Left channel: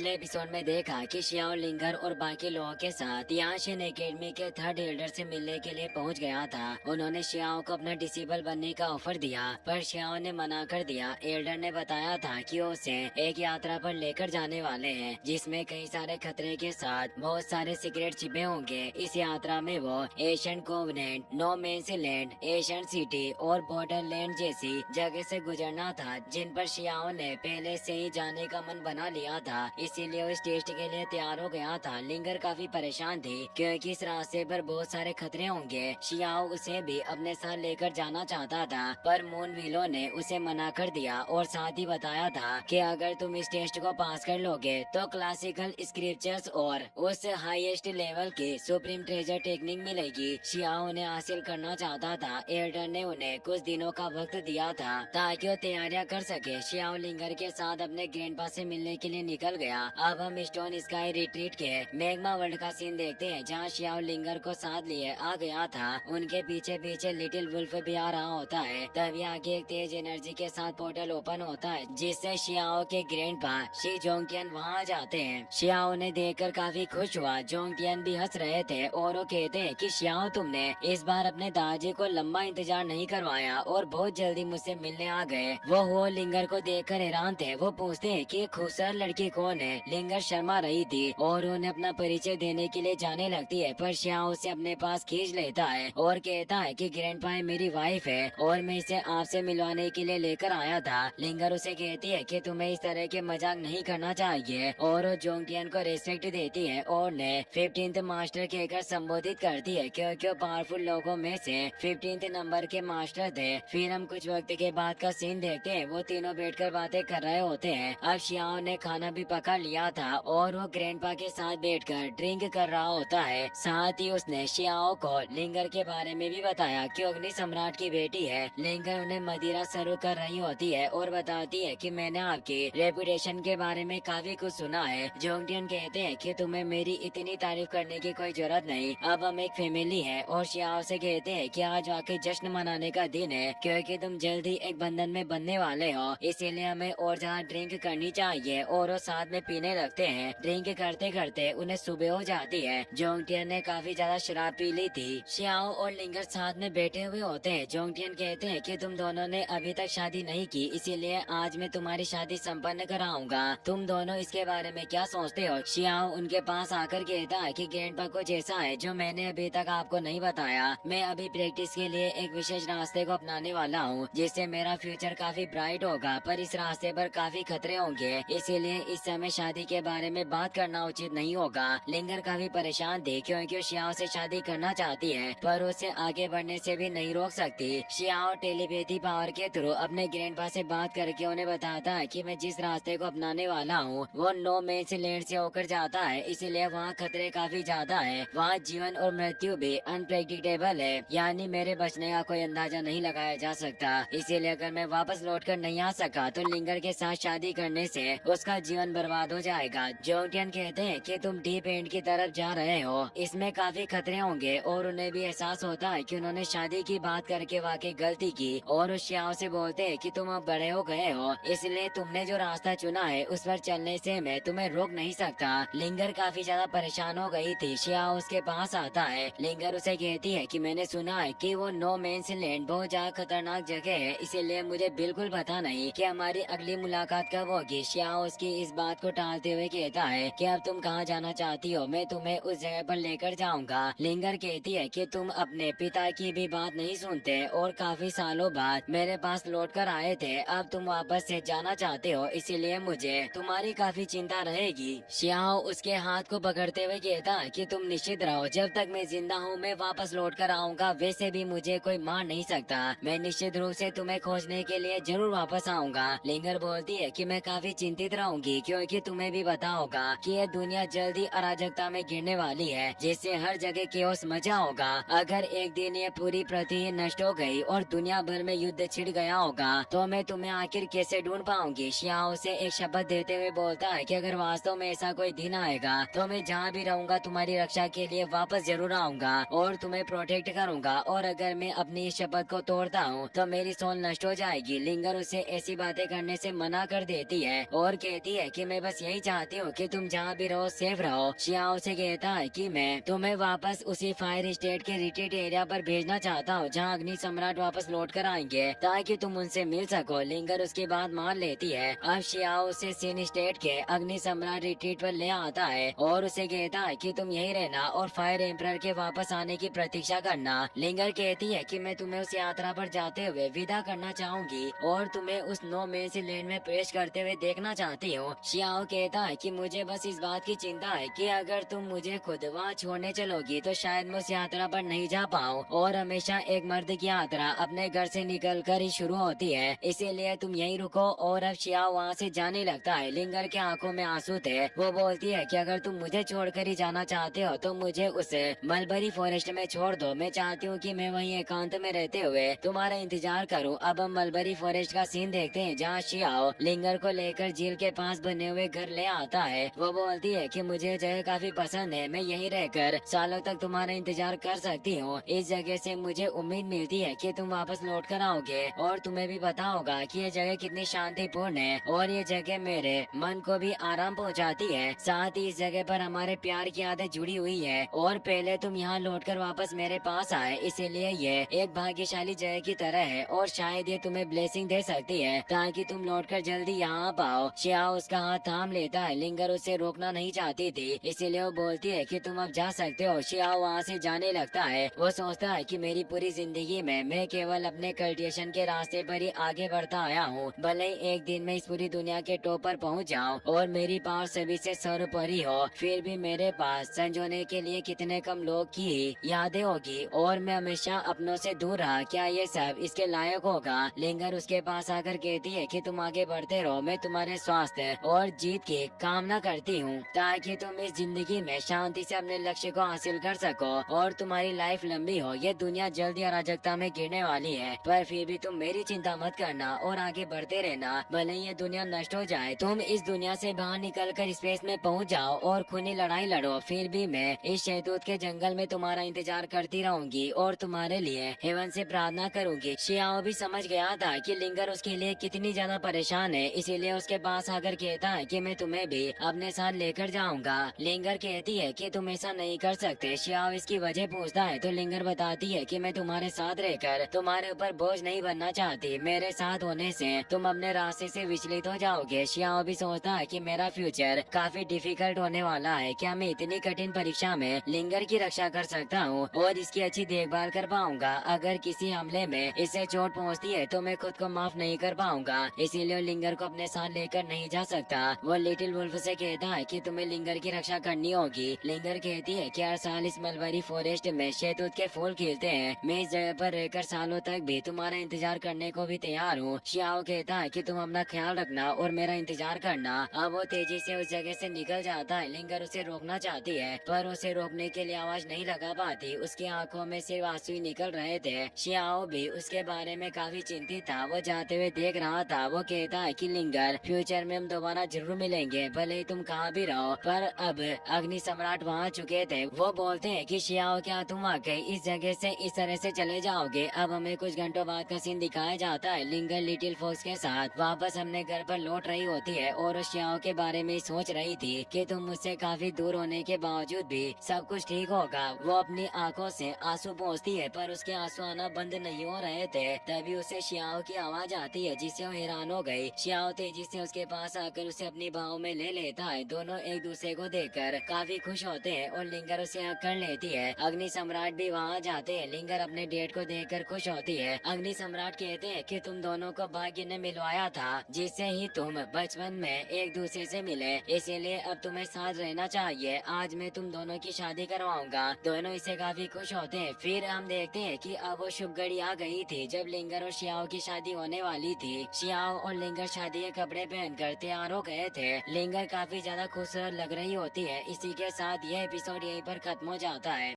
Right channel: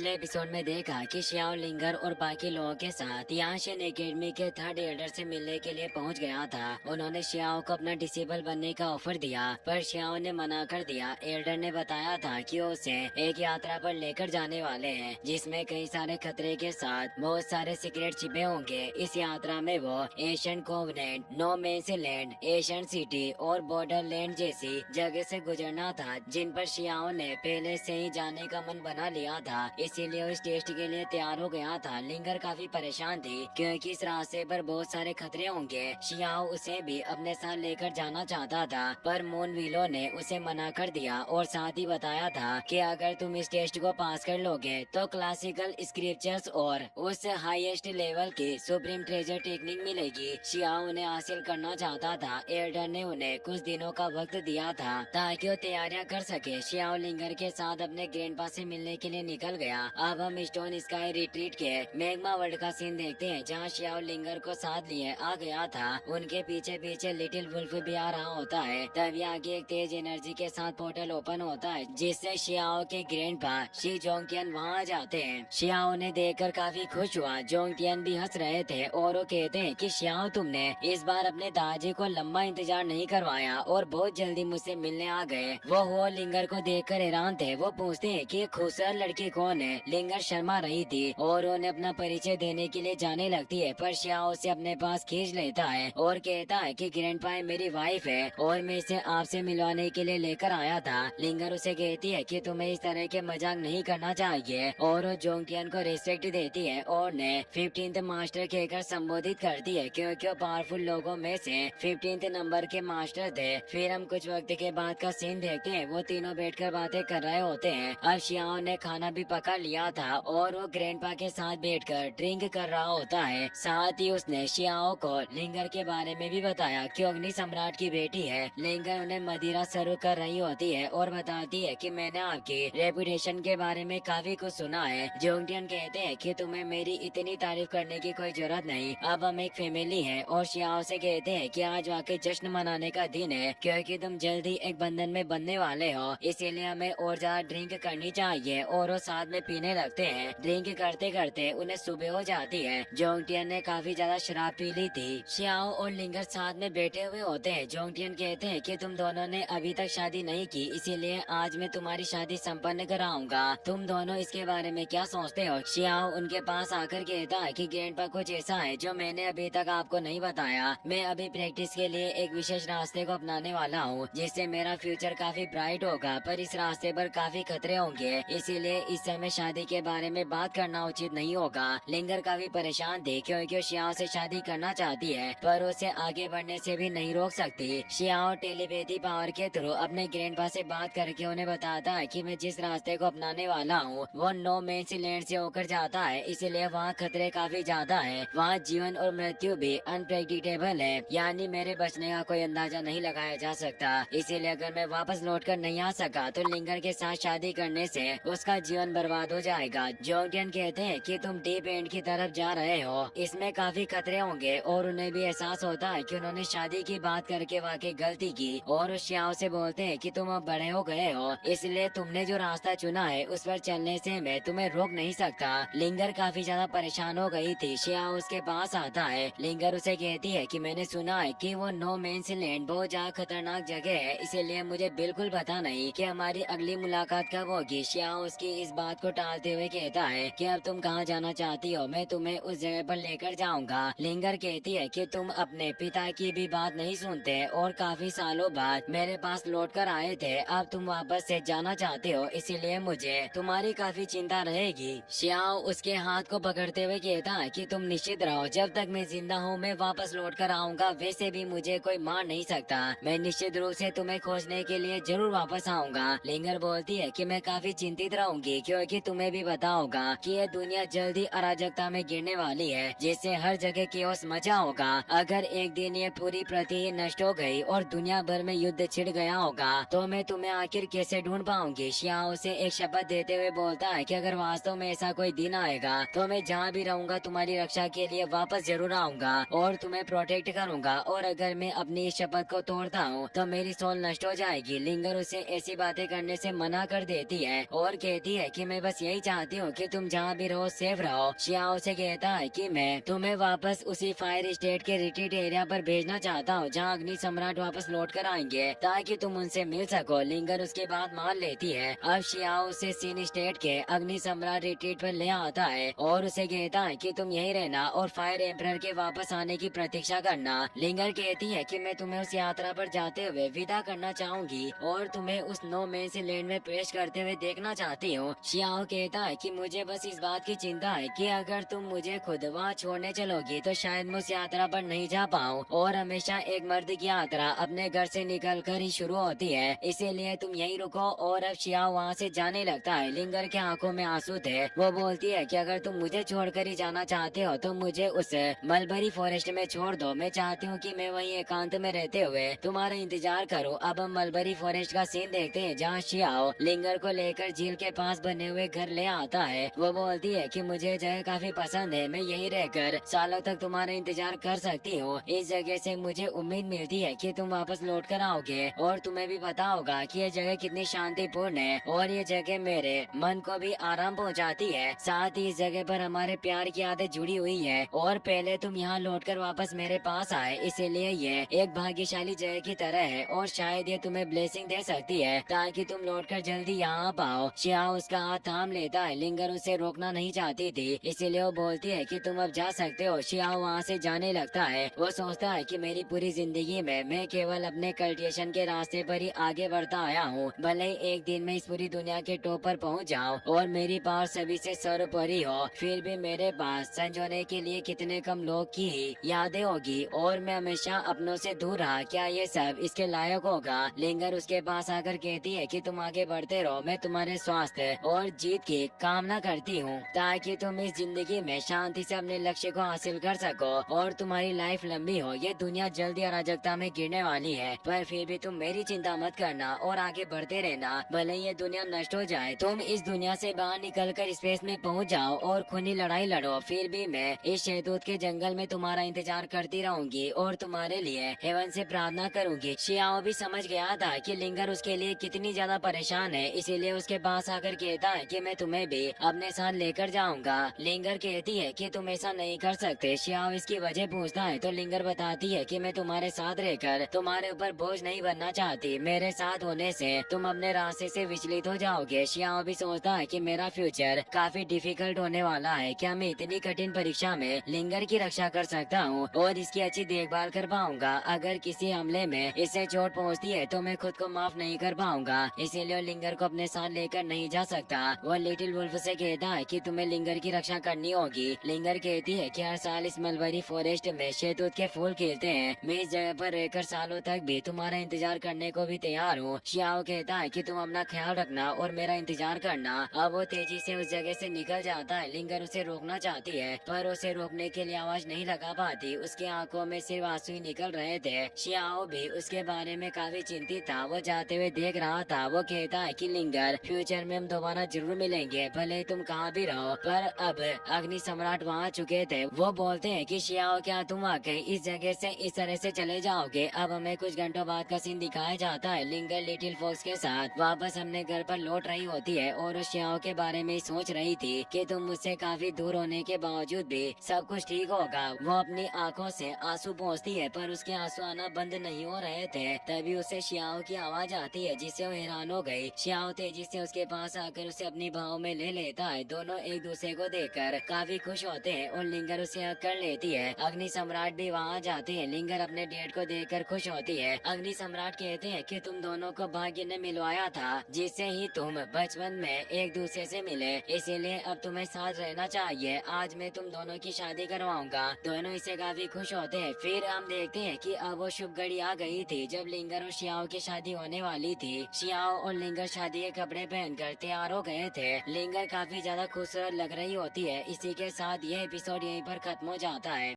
पिछले एपिसोड में देखा कि शियाओ लिंगर और बाकी लोगों के साथ याशिन एकेडमी के थर्ड एल्डर से मिलने के लिए पहुंच गया था। उन्होंने शियाओ को अपना डिसेबल बनने का ऑफर दिया, पर शियाओ ने मना कर दिया। एल्डर ने बताया था कि वो उसे एक यात्रा पर लेकर जाने वाले हैं, जिसमें कई सारे खतरे के साथ बहुत सारे सीक्रेट छिपे होंगे। इस यात्रा में वो Asian Covenant, no man's land, Asian city और बॉर्डरलैंड जैसी जगह से गुजरना था, जिन पर शियाओ ने पहले से ही जाने का मन बना लिया था। इसीलिए वो इस टेस्ट के लिए तैयार हो गया था। लिंगर काफी परेशान थी क्योंकि इस रास्ते पर बहुत सारे खतरे होंगे। शियाओ उसे भी अपने साथ लेकर जाना चाहता था, पर मून व्हीलो ने उसे मना कर दिया और साथ ही बताया था कि अगर तुम इस टेस्ट को पास कर लोगे तो क्लासिकल स्क्रिप्चर्स और उस हाईएस्ट लेवल की सुप्रीम ट्रेजर टेक्निक मिलेगी। शियाओ उन्हें हासिल करना चाहता था। एल्डर ने उन्हें कुछ दिनों का वक्त दिया था ताकि वो तैयारियां कर सके। शियाओ लिंगर के साथ अपने ग्रैंडपा से मिलने के लिए निकल गया। अब हम स्टोन स्काई रिट्रीट के मैग्मा वर्ल्ड का सीन देखते हैं, जहाँ शियाओ लिंगर को साथ लिए आ गया था। उनके पीछे पीछे लिटिल वुल्फ भी आ रहा होता है। तभी आगे एक तेज एनर्जी के साथ पोर्टल ओपन होता है, जिससे शियाओ के ग्रैंडपा शी जोंगटियन वहाँ आ जाते हैं। शियाओ ने देखकर काफी खुश हुआ। जोंगटियन भी हंस रहे थे और वो कहते हैं कि शियाओ, तुमने इस बार अपने दादाजी को लंबा इंतजार नहीं करवाया और बहुत जल्दी मुझसे मिलने आ गए। वो लिंगर को देखकर हैरान थे। वो पूछते हैं कि खूबसूरत लड़की कौन है। लिंगर शर्मा रही थी और उन्हें अपना परिचय देने के लिए जाने लगती है, पर शियाओ उसे अपने पास खींच लेता है और कहता है कि ग्रैंडपा मेरी वाइफ है और मैं इसे आपसे मिलवाने के लिए लेकर आया था। लिंगर उसे कहती है कि तुम्हें इस तरह के मजाक नहीं करना चाहिए और वो जोंगटियन को रेस्पेक्ट देती है और उन्हें 15th मास्टर कहकर संबोधित करती है, क्योंकि वो पावरफुल लोगों में से 15th नंबर के मास्टर थे। फिर हम कुछ वक्त के बाद का सीन देखते हैं। वो तीनों बैठकर बातें कर रहे होते हैं। अब शियाओ ने खाना भी पका लिया था और वो ग्रैंडपा के साथ बैठकर ड्रिंक कर रहा होता है। साथ ही उसने शियाओ को लिंगर के बारे में भी बताया कि अग्नि सम्राट की बेटी है। लिंगर उन्हें मदिरा सर्व कर रही होती है और बताती है कि मैंने आपकी रेपुटेशन के बारे में काफी कुछ सुना है। जोंगटियन कहते हैं कि तुम्हें मेरी इतनी तारीफ करने की कोई जरूरत नहीं, अब हम एक फैमिली हैं। और शियाओ से कहते हैं कि आज आके जश्न मनाने का दिन है, क्योंकि तुम जल्दी एक बंधन में बनने वाले हो, इसीलिए हमें और ज्यादा ड्रिंक करनी चाहिए। और वो साथ में पीने लगते हैं। ड्रिंक करते करते उन्हें सुबह हो जाती है। जोंगटियन ने काफी ज्यादा शराब पी ली थी। शियाओ और लिंगर साथ में बैठे हुए होते हैं। जोंगटियन कहते हैं कि तुम दोनों ने अभी तक शादी नहीं की, इसीलिए आज मैं तुम्हारी शादी संपन्न कराऊंगा। तुम दोनों इसके बारे में क्या सोचते हो? शियाओ उनके पास आकर कहता है कि ग्रैंडपा कुछ ऐसा है जो मैंने अभी तक आपको नहीं बताया। मैं अभी प्रैक्टिस के लिए एक विशेष रास्ते को अपनाने वाला हूँ, जिससे मेरा फ्यूचर काफी ब्राइट होगा, पर इस रास्ते पर काफी खतरे होंगे, इसीलिए इस समय शादी के बारे में बात करना उचित नहीं होगा। लिंगर काफी परेशान थी क्योंकि वो शियाओ से शादी करना चाहती है, पर उसे आगे बढ़ने से भी नहीं रोक सकती। शियाओ टेलीपैथी पावर के थ्रू अपने ग्रैंडपा से बात करके उन्हें बताता है कि मैं जिस रास्ते को अपनाने वाला हूँ वो नो मेंस लैंड से होकर जाता है, इसलिए वहाँ खतरे काफी ज्यादा है। वहाँ जीवन और मृत्यु भी अनप्रेडिक्टेबल है, यानी मेरे बचने का कोई अंदाजा नहीं लगाया जा सकता। इसीलिए अगर मैं वापस लौटकर नहीं आ सका तो लिंगर के साथ शादी करने से उसका जीवन बर्बाद हो जाएगा। जोंगटियन कहते हैं कि तुम डीप एंड की तरफ जा रहे हो, इसमें काफी खतरे होंगे, और उन्हें भी एहसास होता है कि उन्होंने शादी की बात करके वाकई गलती की। और उस शियाओ से बोलते हैं कि तुम अब बड़े हो गए हो, इसलिए तुमने जो रास्ता चुना है उस पर चलने से मैं तुम्हें रोक नहीं सकता। लिंगर काफी ज्यादा परेशान हो गई थी। शियाओ उसके पास आता है। लिंगर उसे कहती है कि मैंने सुना है कि वो नो मेंस लैंड बहुत ज्यादा खतरनाक जगह है, इसीलिए मुझे बिल्कुल पता नहीं कि हमारी अगली मुलाकात कब होगी। शियाओ उसकी इस बात को टालते हुए कहता है कि अब तुम कहाँ जाना चाहती हो, मैं तुम्हें उस जगह पर लेकर जाऊंगा। लिंगर कहती है कि तुम अपने पिता की भी बात नहीं सुनते और काफी सालों बाद मेरे पास लौट कर आए थे, अब तुम वापस से जाना चाहते हो, इसीलिए मुझे तुम्हारी काफी चिंता रहेगी। शियाओ उसके हाथ को पकड़ते हुए कहता है कि तुम निश्चित रहो, जब तक मैं जिंदा हूँ मैं वापस लौट कर आऊंगा, वैसे भी मुझे कोई मार नहीं सकता, मैं निश्चित रूप से तुम्हें खोजने के लिए जरूर वापस आऊंगा। लिंगर बोलती है कि मैं काफी चिंतित रहूंगी, क्योंकि तुम्हें भी पता होगा कि यह दुनिया जल्दी अराजकता में गिरने वाली है, जिससे हर जगह केओस मचा होगा। अगर एक दिन ये पूरी पृथ्वी नष्ट हो गई और दुनिया भर में युद्ध छिड़ गया होगा तो मैं तुम्हें आखिर कैसे ढूंढ पाऊंगी। शियाओ से एक शपथ देते हुए बोलता है कि अगर वास्तव में ऐसा कोई दिन आएगा तो मैं जहाँ भी रहूंगा तुम्हारी रक्षा के लिए वापस जरूर आऊंगा और तुम्हें प्रोटेक्ट करूंगा, और अगर मैं अपनी इस शपथ को तोड़ता हूँ तो मेरी सोल नष्ट हो जाएगी। लिंगर उसे ऐसी बातें करने से मना कर देती है और कहती है कि मैं बस बस यही चाहती हूँ कि तुम जहाँ भी रहो सेफ रहो। शियाओ से कहता है कि मैं तुम्हें वापस उसी फायर स्टेट के रिट्रीट एरिया पर भेजना चाहता हूँ जहाँ अग्नि सम्राट वापस लौट कर आएंगे ताकि तुम उनसे मिल सको। लिंगर उसकी बात मान लेती है। अब शियाओ उसे सीन स्टेट के अग्नि सम्राट रिट्रीट पर ले आता है और उसे कहता है कि तुम यही रहना और फायर एम्परर के वापस आने की प्रतीक्षा करना। लिंगर कहती है कि मैं तुम्हें उस यात्रा पर जाते हुए विदा करना चाहूंगी और तुम्हें उस नो मेंस लैंड में प्रवेश करते हुए देखना चाहती हूँ। शियाओ कहता है कि मुझे बस इस बात की चिंता है कि अगर तुम मुझे खुद वहाँ छोड़ने चलोगी तो शायद मैं उस यात्रा पर नहीं जा पाऊँ और हमेशा एक मर्द की यात्रा अपने घर से निकल कर ही शुरू होती है, इसीलिए तुम यही रुको। और अब शियाओ वहाँ से जाने लगता है। लिंगर के आंखों में आंसू थे। वो बोलती है कि अगर तुम मुझे छोड़कर ही जाना चाहते हो तो मुझे उस मलबरी फॉरेस्ट में छोड़ दो। मैं चाहती हूँ कि मैं वहीं एकांत में रहते हुए तुम्हारा इंतजार करूँ। अब हम मलबरी फॉरेस्ट का सीन देखते हैं जहाँ शियाओ लिंगर को लेकर झील के पास बने हुए घर ले आता है। वो बोलती है कि मुझे जगह काफी पसंद है, मैं यहीं रहकर सालों तक तुम्हारा इंतजार कर सकती हूँ। इस जगह से मुझे उम्मीद मिलती है कि तुम वापस लौट कर आओगे और तुम्हें भी पता होगा कि ये जगह कितनी शांतिपूर्ण है और ये जगह मेरे मन को भी आराम पहुँचाती है। साथ ही इस जगह पर हमारे प्यार की आदत जुड़ी हुई है और पहले तुम यहाँ लौटकर वापस मेरे पास आए, इसीलिए ये एक भाग्यशाली जगह की तरह है और शायद ये तुम्हें ब्लेसिंग दे सकती है ताकि तुम लौटकर जल्दी यहाँ आ पाओ। शियाओ उसका हाथ थाम लेता है। लिंगर उसे रोकना नहीं चाहती थी, इसीलिए वो बोलती है कि तुम अब जा सकते हो। शियाओ वहाँ से जाने लगता है। वो सोचता है कि मेरी पूरी जिंदगी में मैं केवल अपने कल्टिवेशन के रास्ते पर ही आगे बढ़ता आया हूँ। भले ही एक दिन में इस पूरी दुनिया के टॉप पर पहुँच जाऊँ और मेरी पावर सभी से सर्वोपरि हो, फिर भी मेरे पास संजोने के लिए कितने कम लोग की यादें होगी और मैं हमेशा अपनों से दूर रहा। क्या ये सब इसके लायक होगा? लिंगर उसके पास आकर कहती है कि तुम आगे बढ़ते रहो, मैं तुम्हारे स्वास्थ्य और जीत की कामना करती हूँ ताकि तुम इस जिंदगी में शांति से अपने लक्ष्य को हासिल कर सको और तुम्हारी लाइफ लंबी हो। ये दुनिया जल्दी अराजकता में गिरने वाली है, पर फिर भी तुम मेरी चिंता मत करना और आगे बढ़ते रहना। भले ये दुनिया नष्ट हो जाए, तुम इस दुनिया से बाहर निकलकर स्पेस में पहुंच जाओ और खूनी लड़ाई लड़ो, फिर भी मैं इस शहतूत के जंगल में तुम्हारा इंतजार करती रहूंगी और तुम्हारे लिए हेवन से प्रार्थना करूंगी। शियाओ भी समझ गया था कि लिंगर उसके लिए कितनी ज्यादा परेशान है, इसीलिए उसके पास आकर कहता है कि मैं तुम्हें भी अपने साथ लेकर जाऊंगा। लिंगर कहती है कि तुम ऐसा नहीं कर सकते। शियाओ इसकी वजह पूछता है तो लिंगर बताती है कि मैं तुम्हारे साथ रहकर तुम्हारे ऊपर बोझ नहीं बनना चाहती, मेरे साथ होने से तुम अपने रास्ते से विचलित हो जाओगे। शियाओ भी सोचता है कि मेरा फ्यूचर काफी डिफिकल्ट होने वाला है, क्या मैं इतनी कठिन परीक्षा में लिंगर की रक्षा कर सकता हूँ और इसकी अच्छी देखभाल कर पाऊंगा? अगर किसी हमले में इसे चोट पहुँचती है तो मैं खुद को माफ नहीं कर पाऊंगा, इसीलिए लिंगर को अपने साथ लेकर नहीं जा सकता। वो लिटिल वुल्फ से कहता है कि तुम्हें लिंगर की रक्षा करनी होगी। लिंगर कहती है कि हर साल इस मलबरी फॉरेस्ट में शहतूत के फूल खिलते हैं, मैं इस जगह पर रहकर सालों तक भी तुम्हारा इंतजार करने को भी तैयार हूँ। शियाओ कहता है कि तुम अपना ख्याल रखना और मेरा इंतजार करना। अब वो तेजी से उस जगह से निकल जाता है। लिंगर उसे रोकना चाहती है पर उसे रोकने के लिए आवाज नहीं लगा पाती, उसकी आंखों में सिर्फ आंसू ही निकल रहे थे। शियाओ भी उसके बारे में काफी चिंतित था, वो जाते हुए देख रहा था। वो कहता है कि लिंगर, फ्यूचर में हम दोबारा जरूर मिलेंगे, भले ही तुम कहाँ भी रहो। पर अब अग्नि सम्राट वहाँ चुके थे। वो बोलते हैं कि शियाओ, क्या तुम वाकई इस जगह से इस तरह से चले जाओगे? अब हमें कुछ घंटों बाद का सीन दिखाया जाता है। लिंगर लिटिल फॉक्स के साथ वापस अपने घर पर लौट रही होती है और उस शियाओ के बारे में सोच रही थी कि तुम मुझसे काफी दूर होने के बावजूद भी सब कुछ ठीक होगा। वो अपनी आंखों से आंसू पोंछती है पर उसके आंसू आना बंद नहीं हो रहे थे। तभी उसे शियाओ की आवाज आती है जिससे वो हैरान हो गई। शियाओ तेजी से उसके पास आकर उसे अपनी बाहों में ले लेता है। दोनों एक दूसरे को देखकर काफी खुश होते हैं और लिंगर उसे हग कर लेती है। अग्नि सम्राट भी वहाँ जाते हैं। लिंगर अपने डेट को देखकर खुश होती है। अग्नि सम्राट कहते हैं कि तुम दोनों को भाग्य ने मिलवाया था, जिससे ही तुम बचपन में एक दूसरे से मिले, इसीलिए अब तुम्हें साथ रहना चाहिए। आज मैं तुम दोनों की शादी करवाऊंगा। दोनों इसे काफी खुश होते हैं। फिर हम देखते हैं कि अब वो शुभ घड़ी आ गई थी जब लिंगर और शियाओ की शादी होने वाली थी। शियाओ और लिंगर शादी के कपड़े पहनकर तैयार हो गए थे। लिंगर काफी ज्यादा खूबसूरत लग रही होती है। इसी के साथ ये एपिसोड यहीं पर खत्म हो जाता है।